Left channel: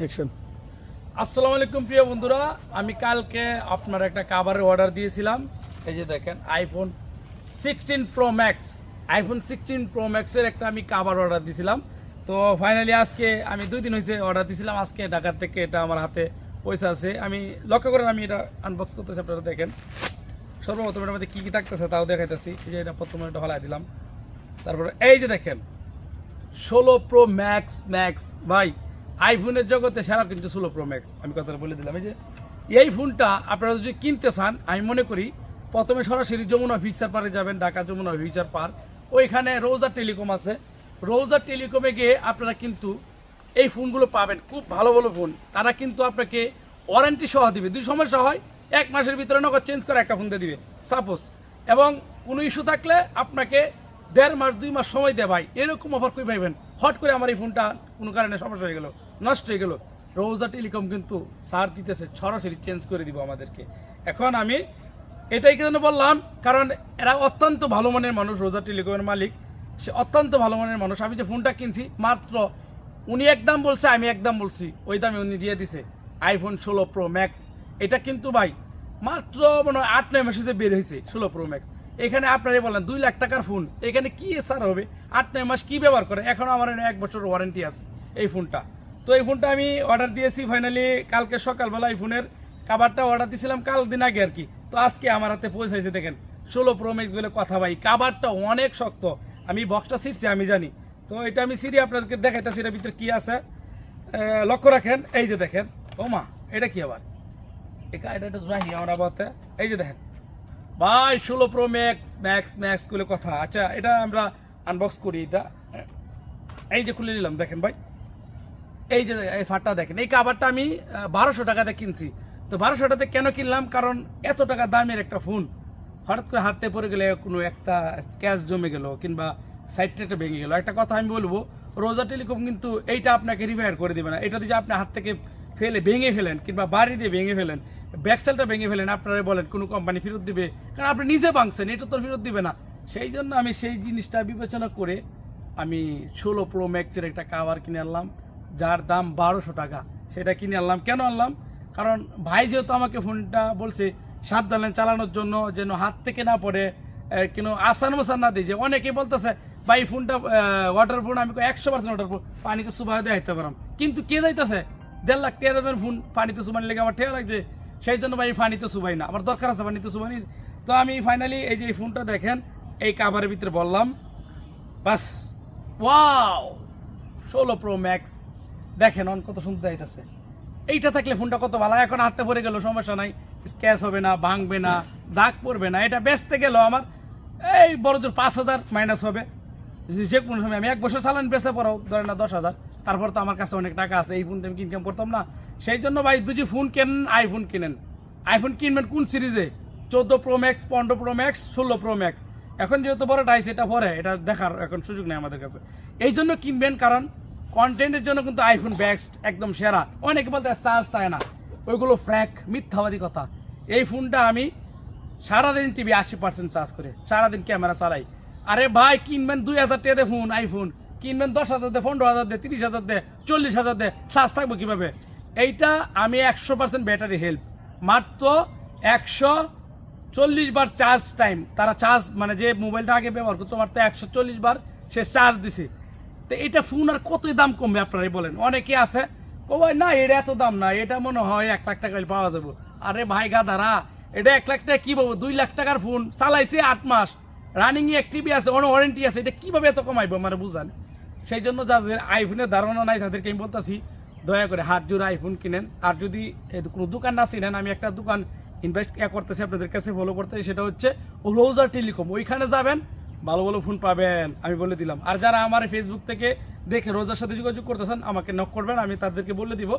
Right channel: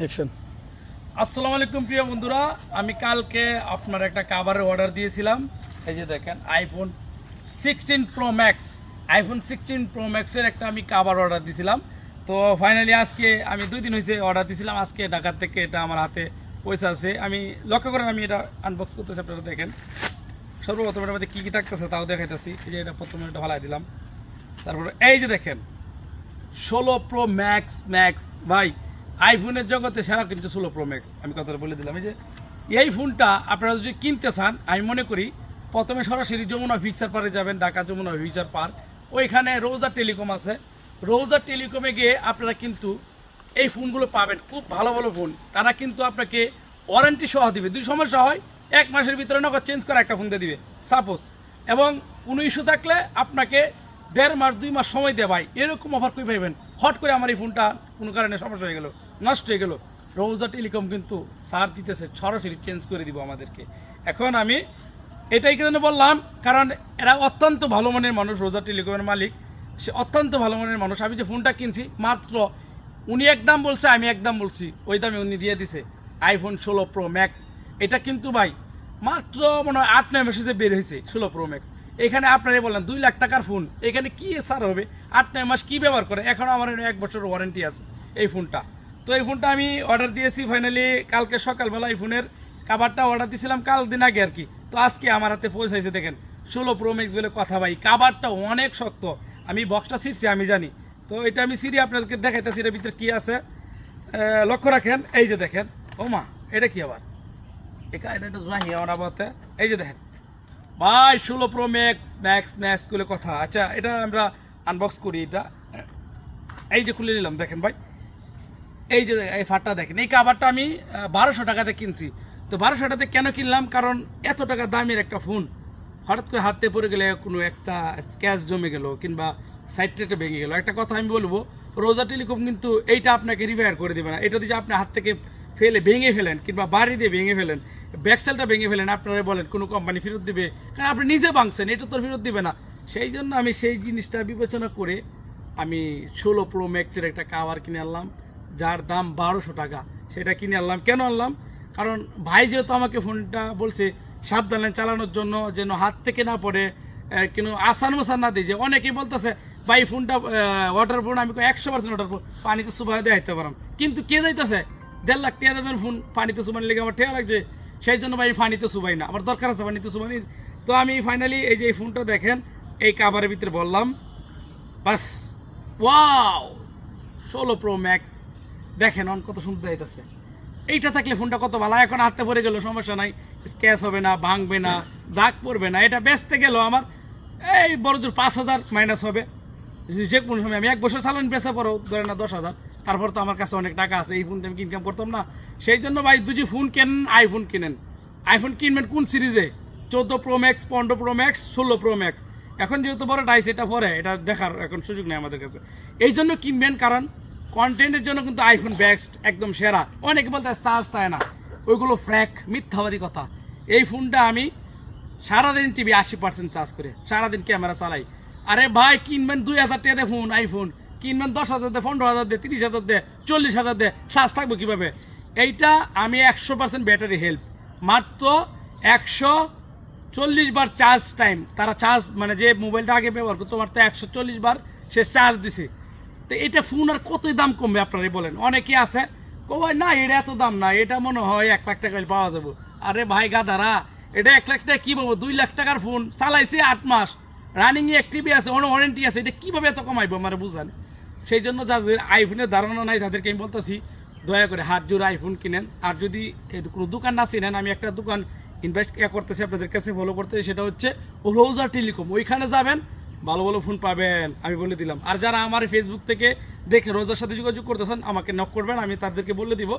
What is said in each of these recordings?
Action আসসালামু আলাইকুম প্রিয় বন্ধুরা, আমি কালকে আপনার একটা কাভারের অর্ডার দিয়েছিলাম। এই যে দেখেন iPhone sixteen pro max iPhone sixteen pro ম্যাক্সের একটা আমি কাভার অর্ডার দিয়েছিলাম তো ফাইনালি আজকে আমি দুই দিন হয়েছে অর্ডার দিয়েছিলাম আজকে ঢাকার থেকে এটা আমার হাতে পয়সা আছে। আমি লক্ষ্য করেন, আমি এটা আনবক্স করতেছি, আপনারা দেখেন। সর্বপ্রথম এটার মধ্যে কী কী থাকতেছে তাও দেখাইতেছি। যে এটা প্রথমে এটা হলাই দিলাম। তারপরে এই যে দেখেন, ষোলো প্রো ম্যাক্স ম্যাক্স ভাই আইফোনের জগতে সেরা কিন্তু ষোলো প্রো ম্যাক্স আমি কথাটা বলে দিলাম, এই যে এই ফোনটা আপনারা যদি কিনতে চান, আমি মনে করি প্রথমে সরাসরি যমুনা ফিক্সার পারে যাবেন, ঢাকা যমুনা ফিক্সার পার ওইখানে রোজা টেলিকম আছে। রোজা টেলিকমে গিয়ে আপনারা কিন্তু এই ফোনগুলো পাবেন। খুব ভালো ভালো ফোন। তারা কিন্তু আপনাকে ওয়ারেন্টি সহ দিবে। দুই সমস্যা হয়, এক মাসের ভিতরে নগদ চেঞ্জ করে একটা ফোন দিয়ে দিবে। সাপোজ এবং কোনো ইস্যু থাকলে আপনাকে দেড় মাস, দুই মাস সময় দেয় ভাই। এরকম অফার কই পাইবেন? হট করে আমার এই ফোনটা কোনো কারণে সমস্যা হয়ে গেল। নষ্ট হয়ে গেল। রোজা টেলিকম কিন্তু সার দিতেছে, সরাসরি চেঞ্জ করে দিব আমাদেরকে। এখন আমি এটাই জন্য বললাম? কারণ এরা অত্যন্ত ভালো মনের মানুষ রোজা টেলিকমের মালিক। সে অত্যন্ত ভালো মনের মানুষ। আমি যে ফোনটা কিনছি, মাত্র উনি একদম বলছে, আমি একদম বলছি। ওই দামে উনি দিয়ে দিছে। আইফোন ষোলো প্রো ম্যাক্স এটা কিন্তু ভাই মাত্র মানে হয় আট, নয় মাসে বের হয়েছে, ষোলো প্রো ম্যাক্স এখানে আপনারা বলেন, দুই লাখ টাকার ফোন এখানে কি সার হবে? আট, নয় মাস কি ব্যবহার করে? এখন আমার এক বছর ওয়ারেন্টি আছে এই ফোনটা তো এই ফোনটা আমি অর্ডার দিয়েছি ফাইনালি কালকে সকালবেলা এই ফোনের। কাবারটা অর্ডার দিয়েছিলাম কাল দিন আগে আর কি। তো আজকে আমার হাতে পৌঁছাইছে দেখেন। ষোলো প্রো ম্যাক্স বলে কথা ভাই, কাবারটা অনেক শক্ত। আমি বক্সটা ছিটছি আমি জানি। তো এটা আমি সিরি আপনাদেরকে দেখাইতেছি, এটার ভিতরে কি আছে। লক্ষ্য রাখেন, এই যে দেখেন। ও মা, এটা কি আবার? এটা এটা একটু আমার এই যে দেখেন। ভাই, ষোলো প্রো ম্যাক্স ম্যাক্স ম্যাক্সগুলো কথা। আচ্ছা এটা আমরা আনবক্স করি, এটা। এই যে খুলে নিলাম, দেখেন ভাই। এই যে এই ফাটটা দেখেন, এই কাবারটা আমি বারোশো টাকাতে কিনছি। তো বারোশো টাকাতে কেন কিনলাম? কারণ এত টাকা দামের একটা ফোন হঠাৎ করে হাতে পড়ে গেলে কোনো একটা স্ক্যাচ জমে গেল কিংবা সাইড টেটে ভেঙে গেল। একটা কথা আমি বলব রোজা টেলিকম কিন্তু এইটা আপনাকে রিপেয়ার করে দিবে না। এটা যদি আপনি হাত থেকে ফেলে, ভেঙে ফেলেন কিংবা বাড়ি দিয়ে ভেঙে ফেলেন ব্যাকসেলটা ভেঙে ফেলেন, আপনারা বলেন কোনো কোম্পানি ফেরত দিবে, কারণ আপনি নিজে ভাঙছেন, এটা তো ফেরত দিবে না। সেই জন্য আমি সেই জিনিসটা বিবেচনা করে আমি ষোলো প্রো ম্যাক্সের একটা কাভার কিনে আনলাম। যার দাম বারোশো টাকা সেটা কিনে আনলাম। কেন আনলাম? কারণ ভাই যেহেতু আমাকে ফোনটা বলছে সাবধানে চালানোর জন্য যেন হাত থেকে না পড়ে আহ, কেন আসান বসান না দিই যে অনেকে বলতেছে ভাই ফোনটা ওয়াটার ফোন আমি একশো পার্সেন্ট ওয়াটার ফোন পানিতে সুবাহ দিয়ে হাইতে পারাম কিন্তু কে যাইতেছে? দেড় লাখ দামের ফোন পানিতে সুবানি লেগে আমার ঠেয়া লাগছে? সেই জন্য ভাই পানিতে সুবাই না আমার দরকার আছে পানিতে সুবানির তো আমি ফাইনালি এই যে এই ফোনটা দেখেন এই কাভারের ভিতরে বললাম বাস ওয়াও ষোলো প্রো ম্যাক্স দেখেন অন কত সুন্দর যাইতেছে এইটা থাকলে ফোনটা কত ভালো, এখন হাতে পড়ে গেল, সমস্যা নাই। স্ক্যাচ হবে না, ভাঙবে না, দাগ পড়বে না, এটা বেচতে গেল আমার। এই বড় জোর পাঁচ হাজার মাইনাস হবে। যে- কোনো সময় আমি এক বছর চালান বেচতে পারো ধরে না দশ হাজার। তারপর তো আমার কাছে অনেক টাকা আছে, এই ফোন আমি ইনকাম করতাম না। সেই জন্য ভাই দুজি ফোন কেনেন আইফোন কিনেন। আইফোন কিনবেন কোন সিরিজে চোদ্দ প্রো ম্যাক্স পনেরো প্রো ম্যাক্স ষোলো প্রো ম্যাক্স এখন যেহেতু বড় ডাইস এটা পরে, এটা দেখার এখন সুযোগ নেই আমাদের কাছে। এই জন্য কিনবেন, কারণ কন্টেন্টের জন্য কিন্তু আইফোন বেস্ট একদম সেরা। অনেকে বলতে চার্জ থাকে না। ওইগুলো ফ্র্যাক মিথ্যাবাদী কথা। এই ফোনটা আমি সারাদিন টিভি আশি পার্সেন্ট চার্জ করে। সারাদিন ক্যামেরা চালাই। আরে ভাই, কিনবেন দুই হাজার টাকা ফোন আইফোন কিনবেন দশ হাজার দে পনেরো হাজার দে তিরিশ হাজার দে চল্লিশ হাজার দে চার্জ থাকবে কীভাবে? এইটা আমি একশো পার্সেন্ট ব্যাটারি হেল্প মাত্র একশো চল্লিশ বার চার্জ টাইম তারা চার্জ মানে যে মোবাইলটা আগে ব্যবহার করতো তো একশো চল্লিশ বার সে চার্জ দিছে। তো এটা ফোন আর কতই দাম কমবে আপনারাই বলেন? অনেকে আছে ও ভাই, না, এটা এত দাম না, এটা মনে হয় এক লাখ টাকা পাওয়া যাব। আরে ভাই, গাদারা, এটা এক লাখ টাকা কি বলব দুই লাখ টাকার ফোন চালাইছে আট মাস। রানিং এ একটিভি আছে অন ওয়ারেন্টি আছে, এটা কীভাবে এত কমাইবো আমার বুঝান? সেই জন্য যাদের আইফোনের ধারণা নাই, তাদেরকে আমি বলতেছি, দয়া করে হাত জোড়া আইফোন কিনেন। আর যদি কোনো দোকান না চিনেন, আমি একটা দোকান ইনভেস্ট করতেছি, আপনাদের কাছে ফলো করতেছি, সেটা হচ্ছে রোজার টেলিকম ওইখানে যাবেন ভালো ভালো ফোন পাবেন, আমি বলে দিলাম। আর যারা আমার ফেসবুক থেকে দেখে রোজার সাথে যোগাযোগ করতেছেন, আমাকে নক করবেন, আমি তাদেরকে বলে দিব।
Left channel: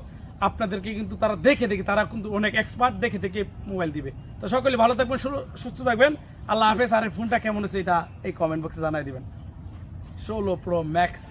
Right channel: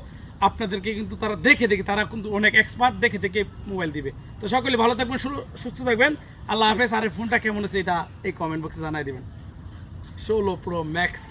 আপনাদেরকে কিন্তু তারা দেখে দেখে, তারা কিন্তু অনেক এক্সপার্ট দেখে দেখে মোবাইল দিবে। তো সকলে ভালো থাকবেন সুস্থ থাকবেন। আল্লাহ হাফেজ, আর ফোনটা কেমন আছে এটা এই কমেন্ট বক্সে জানাই দিবেন। ষোলো প্রো ম্যাক্স